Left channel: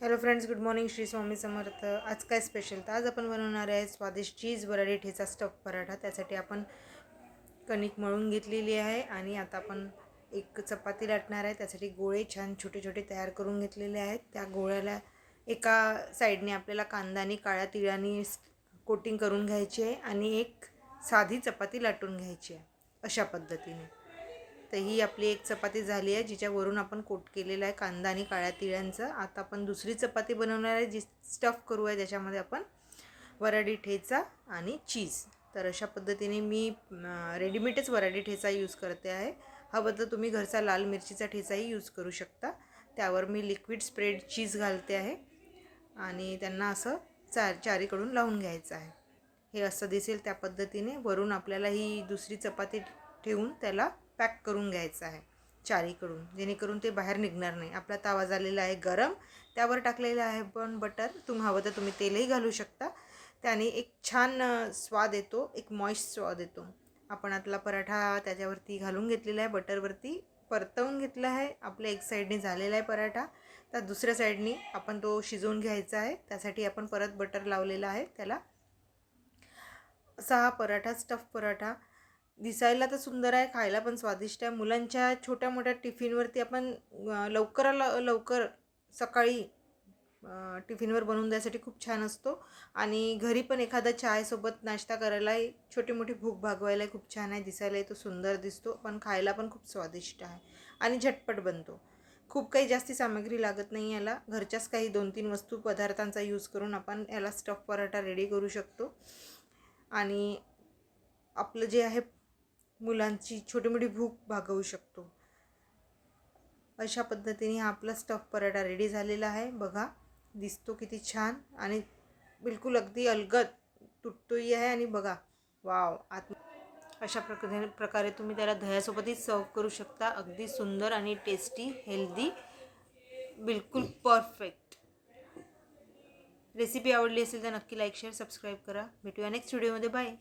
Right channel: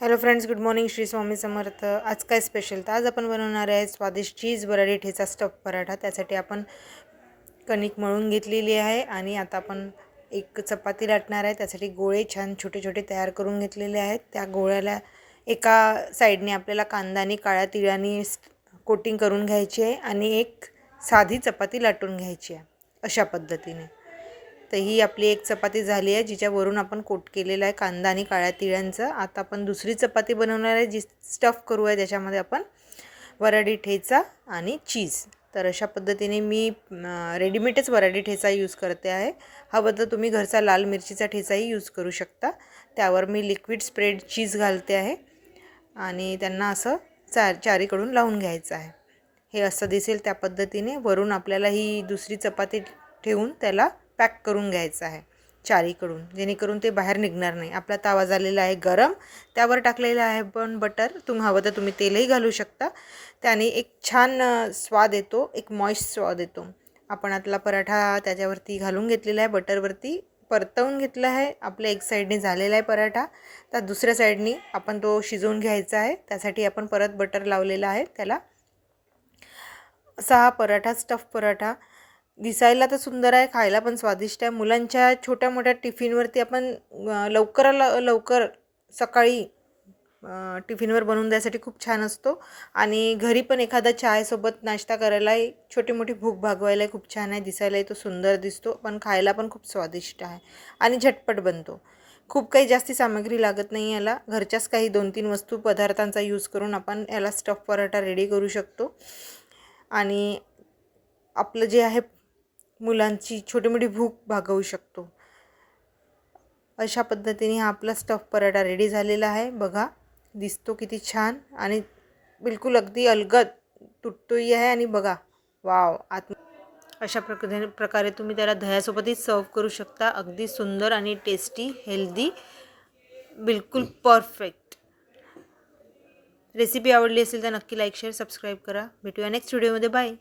Hello friends, good morning. Shri Swami Samarth. आज काय special? तर आज आपण बनवणार आहे स्वादिष्ट चीज बटाटे ठेचा स्टफ पराठा. त्यासाठी आपण कणिक मळून घेतलेली आहे आणि आता आपण एक चपाती लाटणार आहे. त्यासाठी गोळे छान छोटे छोटे तयार करून घेतलेले आहेत. त्या गोळ्याला एका साईडने आपल्याला कांदा आणि काळ्या तिळाने कोटिंग करून घ्यायची आहे आणि एक साधी चपाती लाटून घ्यायची आहे अशा पद्धतीने. तर ही आपली एक चपाती झाली आहे, जिच्यावरून आपण कोट केलेला आहे कांदा आणि काळ्या तिळांचं. आता आपण दुसरी चपाती बनवणार आहे, जी स्टफ करू आहे. त्याच्यामध्ये आपण वराडी ठेचा आणि चीज. तर अशा पद्धतीने मी रेडीमेडच वराडी ठेचा यूज करते आहे. हवं तर तुम्ही घरचा लाल मिरचीचा ठेचाही यूज करू शकता. त्यावर मी लिक्विड स्प्रेड चीज घालते आहे आणि त्यांना असं चारीकडून लावून घ्यायचं आहे. हे असं दिसेल त्या पद्धतीने. वरून आपल्याला ही दुसरी चपाती ठेवून त्याला पॅक करून घ्यायचं आहे चारीकडून, जेणेकरून ते बाहेर निघणार नाही. आपला तवा झालेला आहे गरम, त्यावर टाकलेलं आहे पण बटर. तुम्ही हवं तर तुम्ही तेलही घालू शकता. त्याने एक छान स्वाद येतो, एक मॉइस्ट स्वाद येतो. आपण आतला पराठा त्याच्यावरती घालून घेतलेला आहे, बटरवरती परतवून घेतला आहे. आपल्या एक साईडने झालेला आहे पराठा, तर दुसऱ्या साईडने आपण तो शिजवून घ्यायचा आहे. त्यासाठी आपण परत बटर लावलेला आहे त्याला. असा हा पराठा, स्टफ पराठा दिसायला तर सुंदर आहे, खायला पण स्वादिष्ट आहे. मुलांच्या छोट्या मोठ्या टिफिनवरती आपण लवकर सकाळी टिफिनवर बनवून द्यायसाठी खूप छान असतो. आणि घरी पण एखादा चायसोबत नाश्ता करायलाही, छोटी मोठी भूक भागवायलाही खूप छान आहे. दिसायलाही तो सुंदर दिसतो, पण खायला पण खूप स्वादिष्ट आहे आणि झटपट बनतो. खूप काही जास्ती सामग्री लागत नाही याला. घरच्याच काही 2-3 वस्तू पदार्थांचा यूज करून आपण याला स्टफ पराठा रेडी करू शकतो. आणि आपलं जे आहे मुलांची छोटी मोठी भूक भागवू शकतो. अशा पद्धतीने हा आपला स्टफ पराठा रेडी झालेला आहे. बघा, दिसतो किती छान आणि बिलकुल अगदी अलगद तुटतोही आहे. आणि बघा, वाव, अशा प्रकारे तुम्ही त्याला दह्यासोबतही सर्व करू शकता. अगदी सुंदर आणि टेस्टी, हेल्दी, बिलकुल परफेक्ट. रेसिपी आवडली असेल तर नक्की लाईक, शेअर, सबस्क्राईब करा. भेटूया नेक्स्ट व्हिडिओमध्ये. बाय.